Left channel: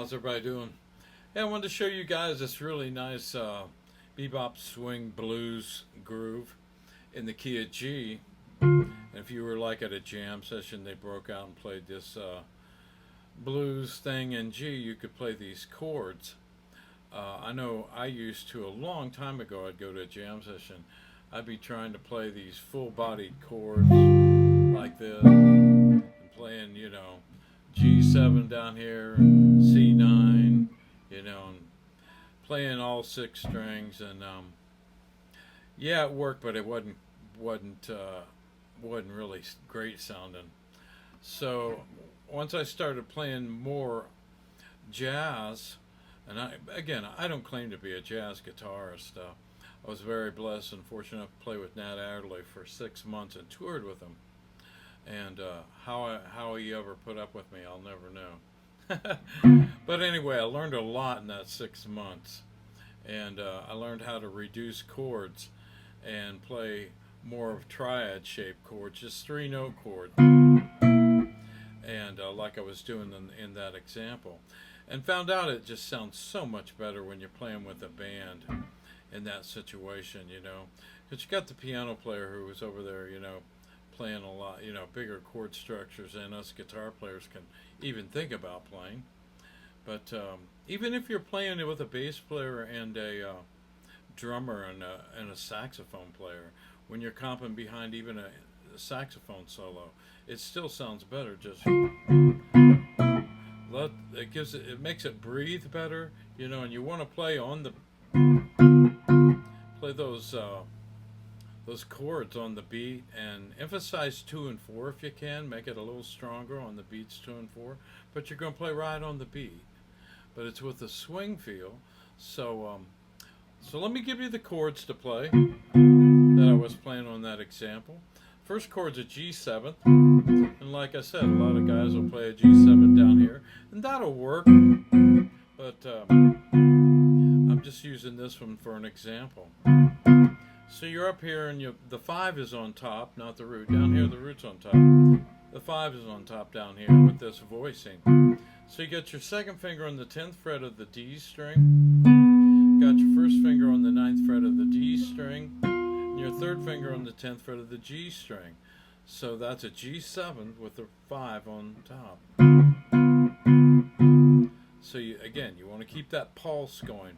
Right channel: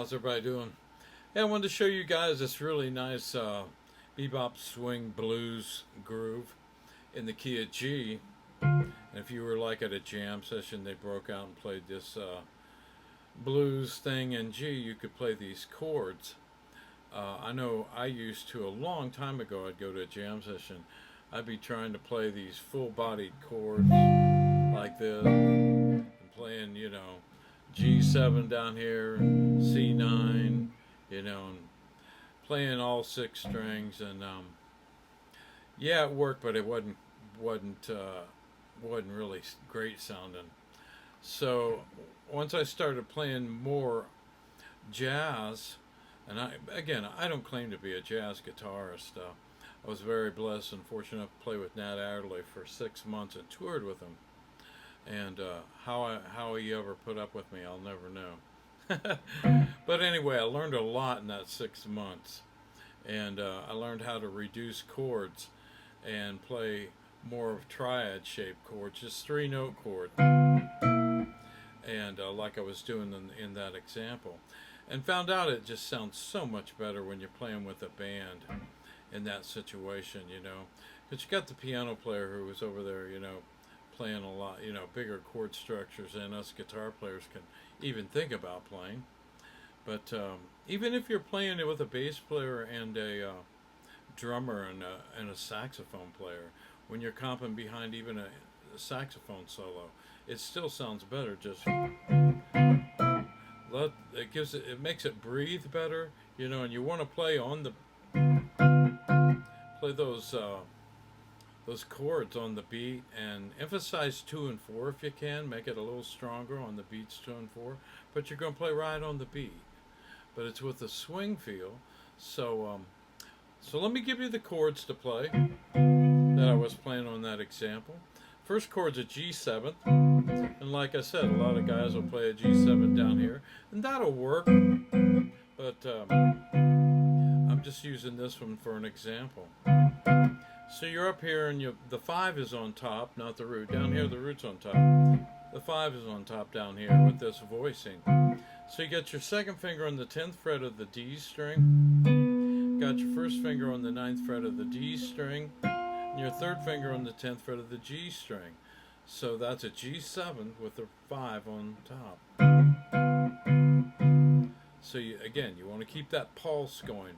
How's everybody doing? Yeah, I wanted to show you guys this really nice bebop swing blues groove in the key of G. And if you were like at a jam session, they broke out and played this blues thing in G, you could play these chords. I know I used to a long time ago, I'd go to a jam session, I'd be trying to play these full-bodied chords like this, and playing, G7 down here, C9, and playing all six strings, and yeah, it worked, but it wasn't really great sounding. So once I started playing more jazz, and I don't claim to be a jazz guitarist. I was very blessed and fortunate enough to play with Nat Adderley for 6 months and toured with him. And how he ever put up with me, I'll never know. But anyway, I learned a lot in that 6 months, and I learned how to reduce chords and play more of triad-shaped chords, just 3-note chords, and like I was doing in that example, and found out it just sounds so much better when you're playing with a band in that situation, because you got the piano player who was over there, playing a lot, bigger chord structures than us guitar players can even think about playing. But even if you're playing it with a bass player and a drummer and a saxophone player, when you're comping behind even a saxophone solo, it still sounds better. Just it makes it breathe better, and you want to play those chords on the beat, and emphasize 2 and 4 if you can. Make it a little stronger on the beats 2 and 4, but you're going to play right on the beat. But it's with a swing feel. So let me give you the chords to play that I was playing on that example. First chord's a G7, and like I said, a lot of guys will play a G7 down here, and that'll work. But I'm just using this one for an example. So you're up here, and the 5 is on top, not the root. Down here, the root's on top. The 5 is on top down here with this voicing. So you got your second finger on the 10th fret of the D string. Got your first finger on the 9th fret of the D string. And your third finger on the 10th fret of the G string. So that's a G7 with the 5 on top. So you want to keep that pulse going.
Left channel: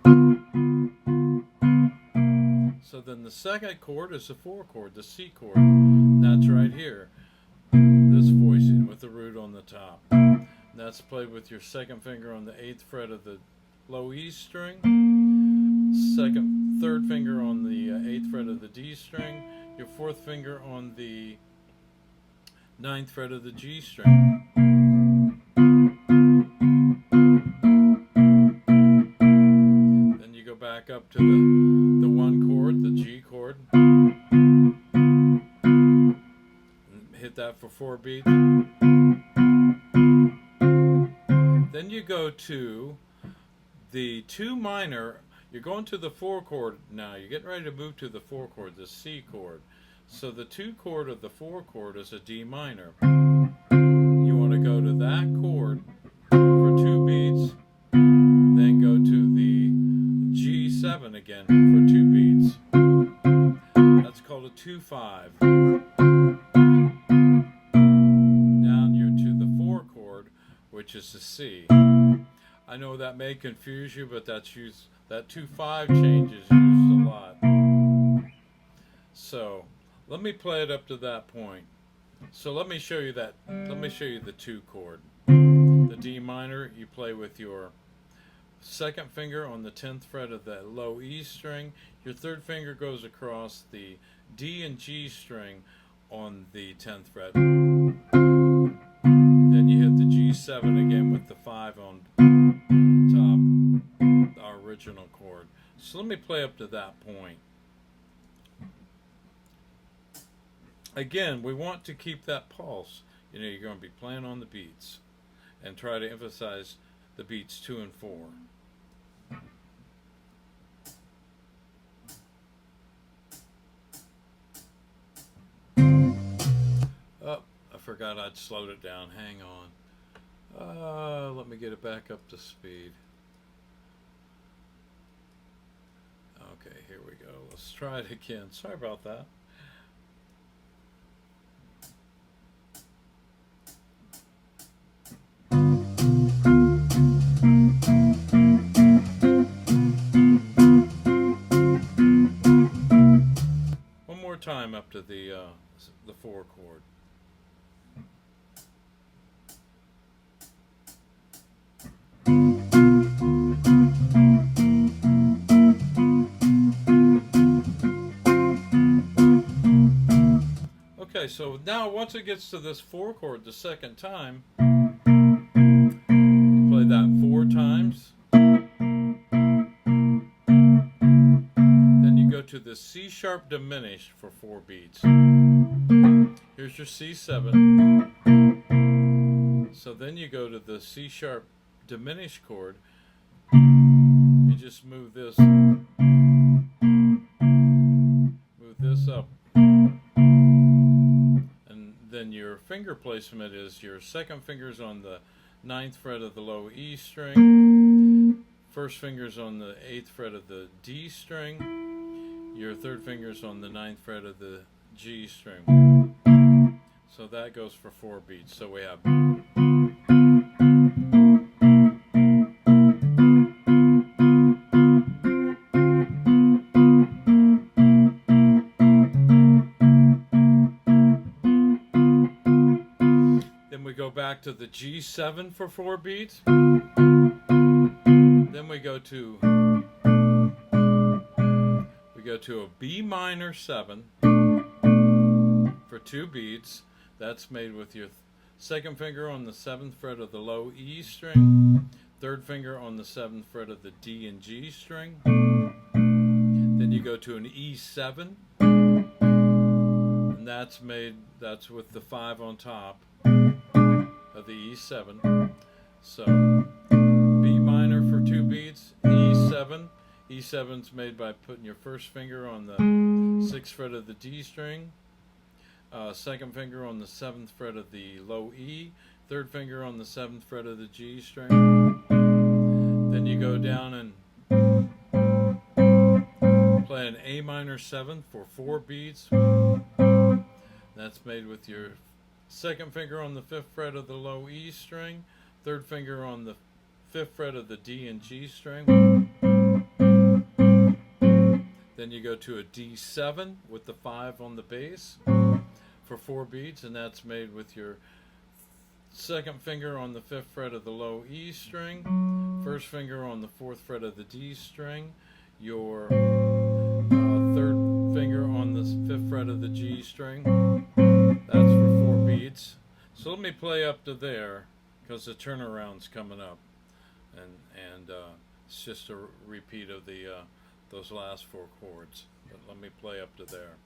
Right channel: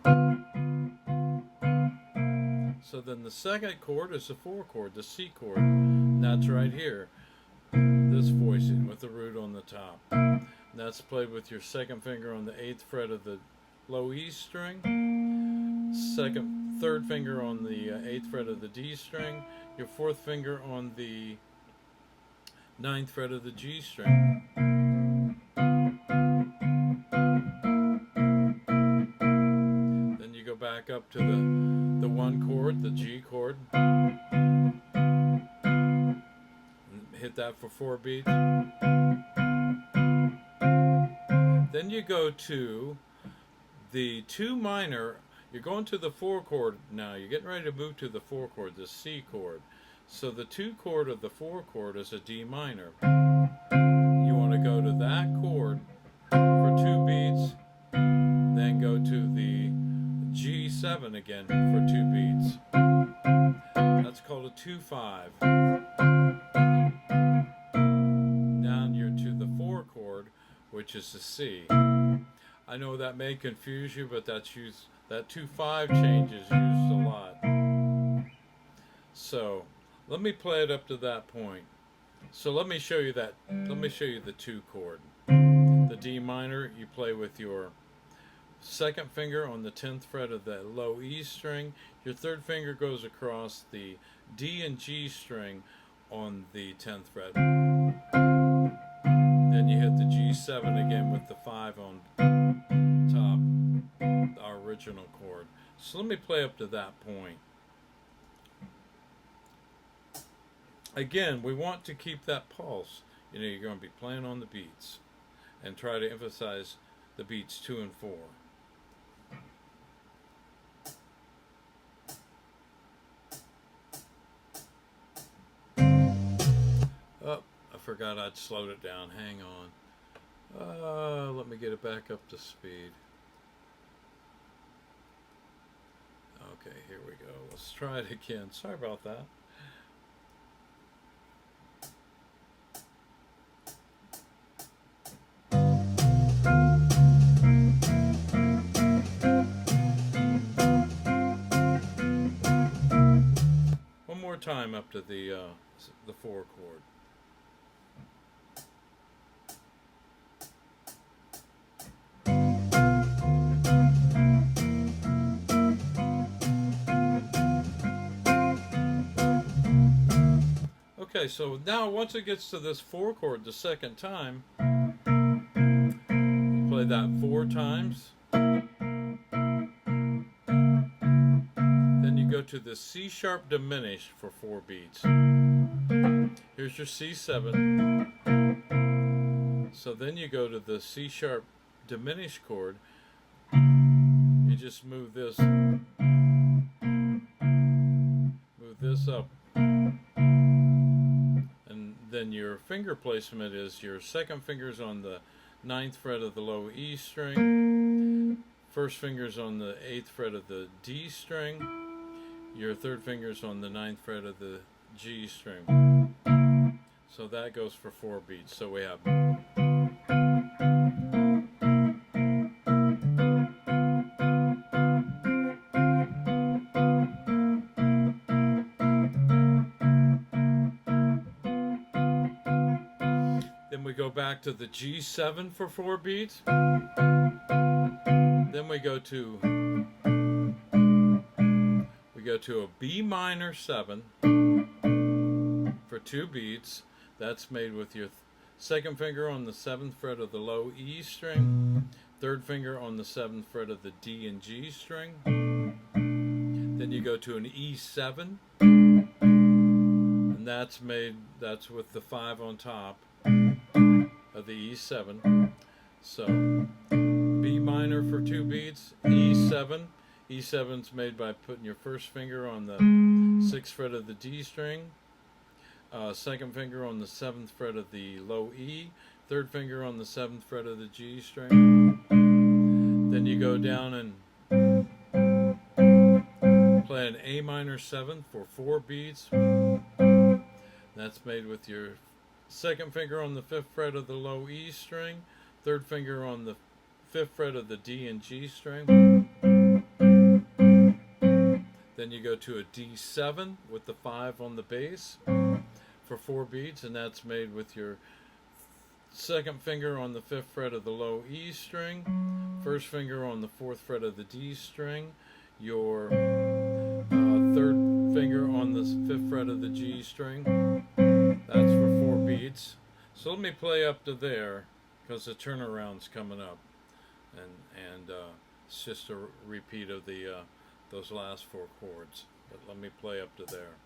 So then the second chord is the 4 chord, the C chord. And that's right here. This voicing with the root on the top. And that's played with your second finger on the 8th fret of the low E string. Third finger on the 8th fret of the D string. Your fourth finger on the 9th fret of the G string. Then you go back up to the 1 chord, the G chord. Hit that for 4 beats. Then you go to the 2 minor. You're going to the 4 chord now. You're getting ready to move to the 4 chord, the C chord. So the 2 chord of the 4 chord is a D minor. You want to go to that chord for 2 beats, then go to the G7 again for 2 beats. That's called a 2-5. Down you're to the 4 chord, which is the C. I know that may confuse you, but that 2-5 change is used a lot. So let me play it up to that point. So let me show you that. Let me show you the 2 chord. The D minor, you play with your second finger on the 10th fret of the low E string. Your third finger goes across the D and G string on the 10th fret. Then you hit the G7 again with the 5 on top, our original chord. So let me play up to that point. Again, we want to keep that pulse. You're going to be playing on the beats and try to emphasize the beats 2 and 4. Oh, I forgot I'd slowed it down. Hang on. Let me get it back up to speed. Okay, here we go. Let's try it again. Sorry about that. One more time up to the 4 chord. Okay, so now once it gets to this 4 chord the second time, play that 4 times. Then you go to the C sharp diminished for 4 beats. Here's your C7. So then you go to the C sharp diminished chord. You just move this up. And then your finger placement is your second finger's on the 9th fret of the low E string, first finger's on the 8th fret of the D string, your third finger's on the 9th fret of the G string. So that goes for 4 beats. So we have go back to the G7 for 4 beats. Then we go to a B minor 7 for 2 beats. That's made with your second finger on the 7th fret of the low E string, third finger on the 7th fret of the D and G string. Then you go to an E7, and that's with the 5 on top of the E7. So B minor for 2 beats, E7. E7's made by putting your first finger on the 6th fret of the D string, second finger on the 7th fret of the low E, third finger on the 7th fret of the G string. Then you go down and play an A minor 7 for 4 beats. That's made with your second finger on the 5th fret of the low E string, third finger on the 5th fret of the D and G string. Then you go to a D7 with the 5 on the bass for 4 beats, and that's made with your second finger on the 5th fret of the low E string, first finger on the 4th fret of the D string, your third finger on the 5th fret of the G string. That's for 4 beats. So let me play up to there, because the turnaround's coming up, and it's just a repeat of the those last 4 chords. But let me play up to there.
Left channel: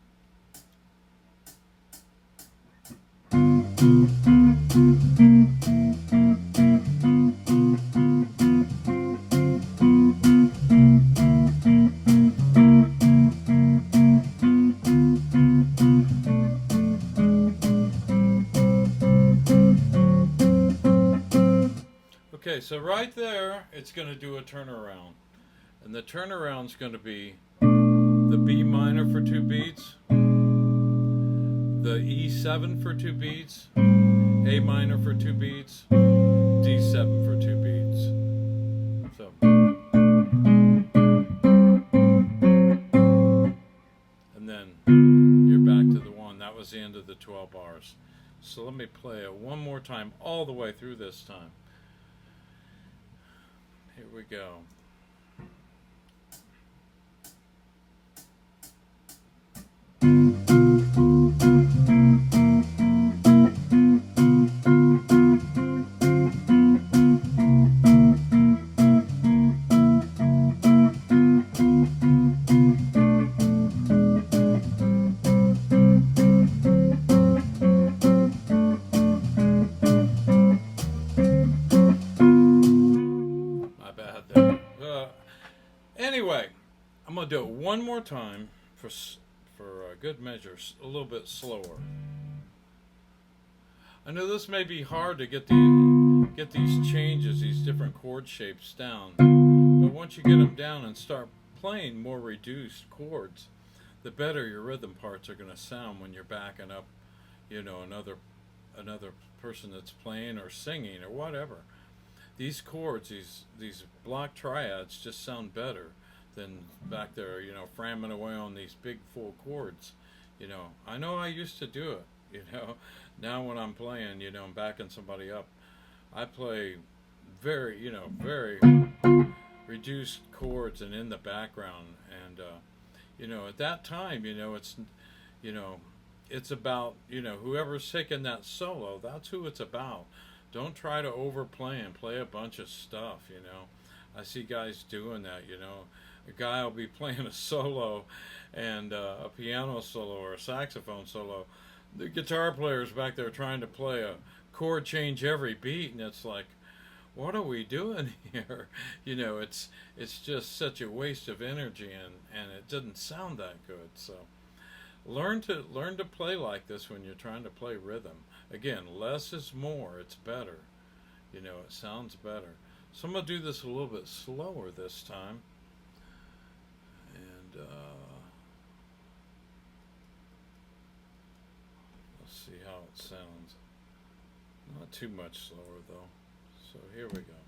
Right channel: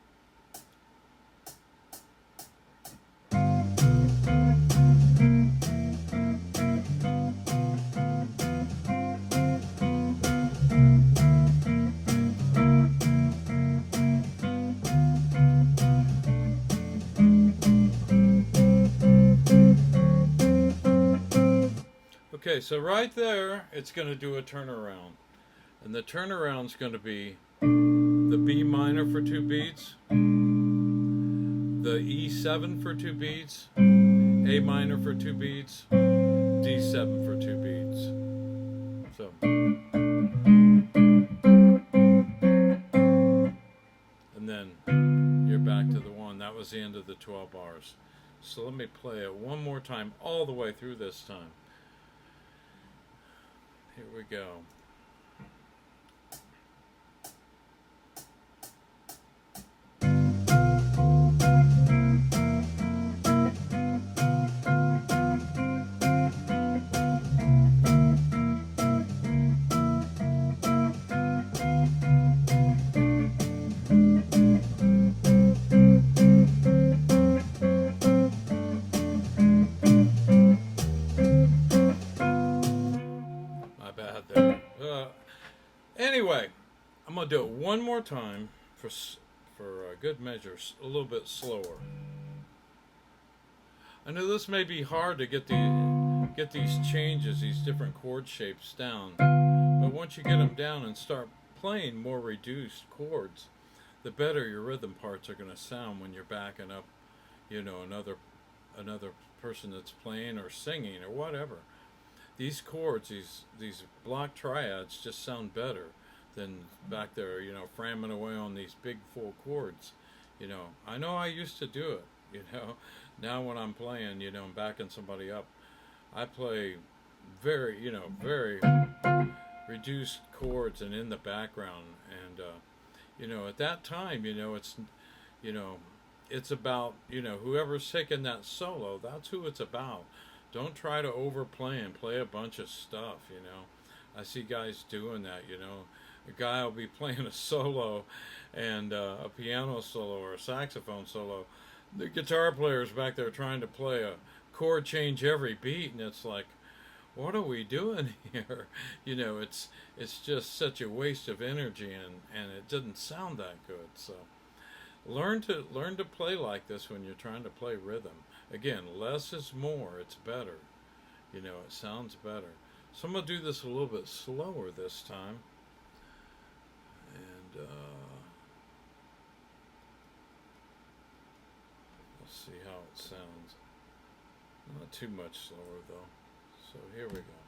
Okay, so right there, it's going to do a turnaround. And the turnaround's going to be the B minor for 2 beats, the E7 for 2 beats, A minor for 2 beats, D7 for 2 beats. So, and then you're back to the 1. That was the end of the 12 bars. So let me play it one more time, all the way through this time. Here we go. Anyway, I'm going to do it one more time for good measure, a little bit slower. I know this may be hard to get get these changes, these different chord shapes down. But once you get them down and start playing more reduced chords, the better your rhythm parts are going to sound when you're backing up, another person that's playing or singing or whatever. These chords, these block triads, just sound better than back there, framming away on these big full chords. I know I used to do it. Now when I'm playing, I'm backing somebody up, I play very reduced chords and in the background. And at that time, you know, it's about, whoever's taking that solo, that's who it's about. Don't try to overplay and play a bunch of stuff. I see guys doing that. A guy will be playing a solo and a piano solo or a saxophone solo. The guitar player's back there trying to play a chord change every beat, and it's like, what are we doing here? It's just such a waste of energy, and it doesn't sound that good. So learn to play like this when you're trying to play rhythm. Again, less is more. It's better. It sounds better. So I'm gonna do this a little bit slower this time, and let's see how it sounds. Not too much slower though. So here we go.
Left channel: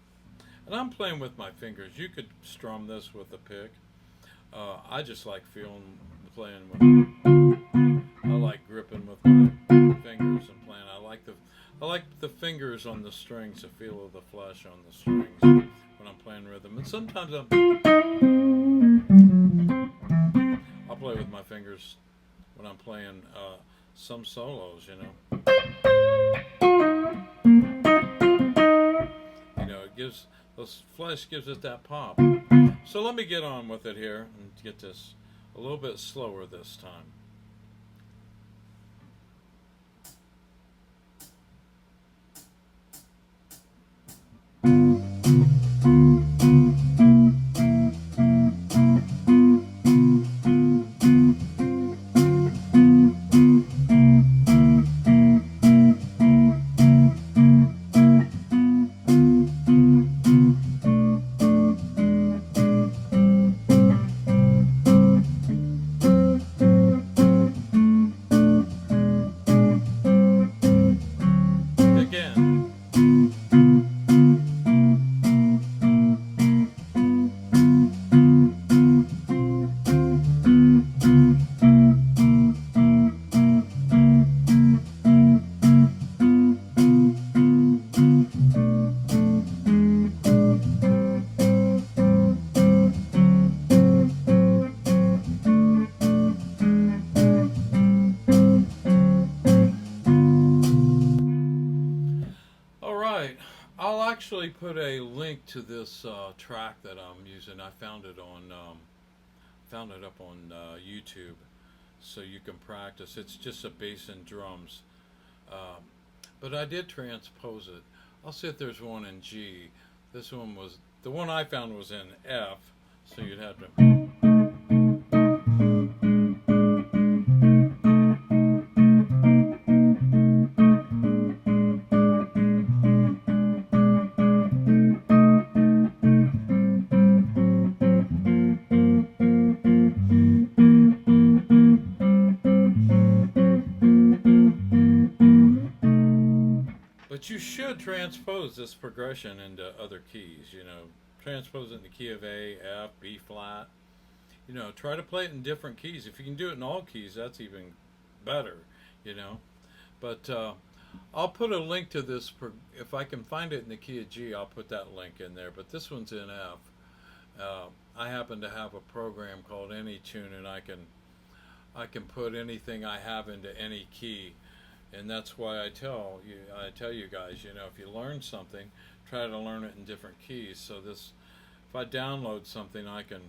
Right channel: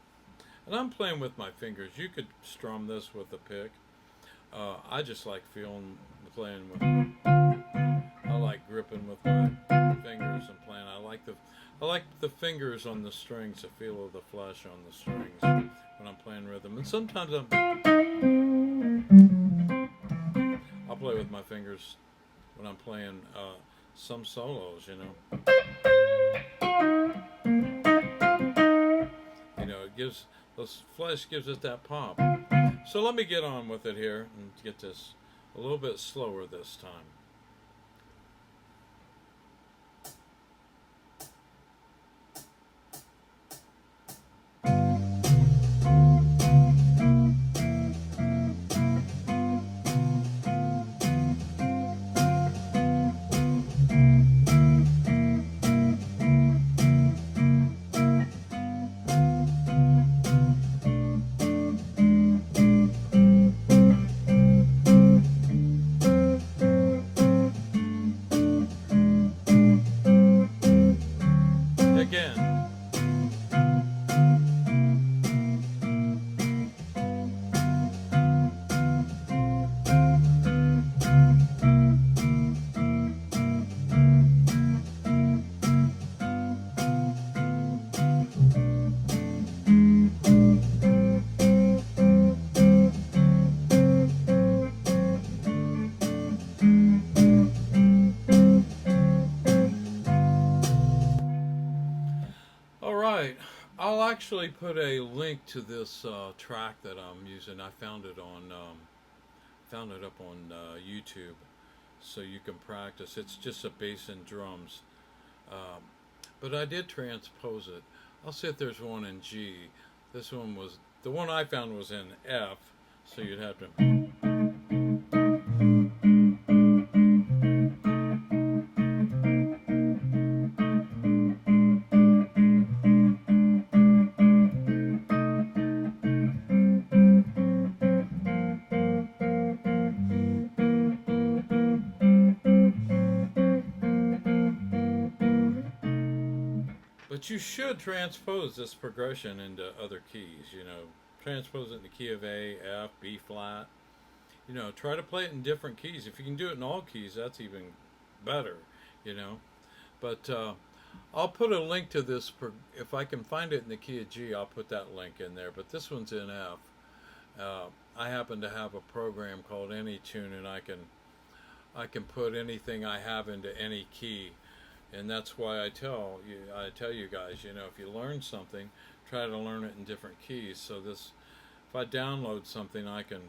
And I'm playing with my fingers. You could strum this with a pick. I just like playing with. I like gripping with my fingers and playing. I like the fingers on the strings, the feel of the flesh on the strings when I'm playing rhythm. And sometimes I'll play with my fingers when I'm playing some solos. It gives those flesh gives it that pop. So let me get on with it here and get this a little bit slower this time. Again. All right, I'll actually put a link to this track that I'm using. I found it up on YouTube, so you can practice. It's just a bass and drums, but I did transpose it. I'll see if there's one in G. This one was the one I found was in F, so you'd have to. But you should transpose this progression into other keys, transpose it in the key of A, F, B flat. Try to play it in different keys. If you can do it in all keys, that's even better, But I'll put a link to this. If I can find it in the key of G, I'll put that link in there. But this one's in F. I happen to have a program called AnyTune, and I can put anything I have into any key. And that's why I tell you guys, if you learn something, try to learn it in different keys. So if I download something, I can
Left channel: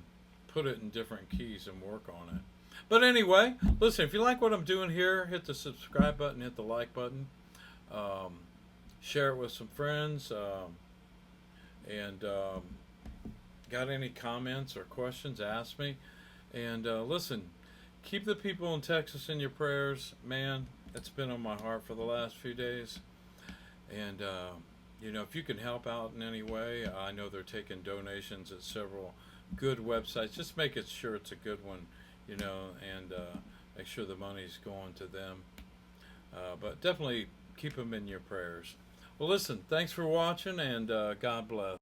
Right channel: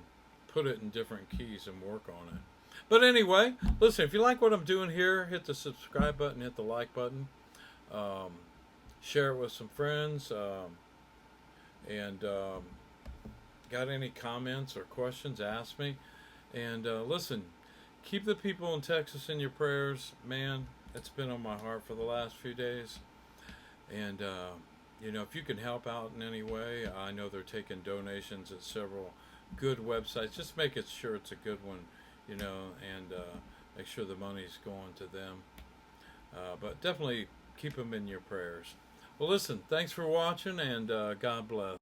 put it in different keys and work on it. But anyway, listen, if you like what I'm doing here, hit the subscribe button, hit the like button, share it with some friends, and got any comments or questions, ask me. And listen, keep the people in Texas in your prayers, man. It's been on my heart for the last few days, and You know, if you can help out in any way, I know they're taking donations at several good websites. Just make it sure it's a good one, you know, and make sure the money's going to them. But definitely keep them in your prayers. Well, listen, thanks for watching, and God bless.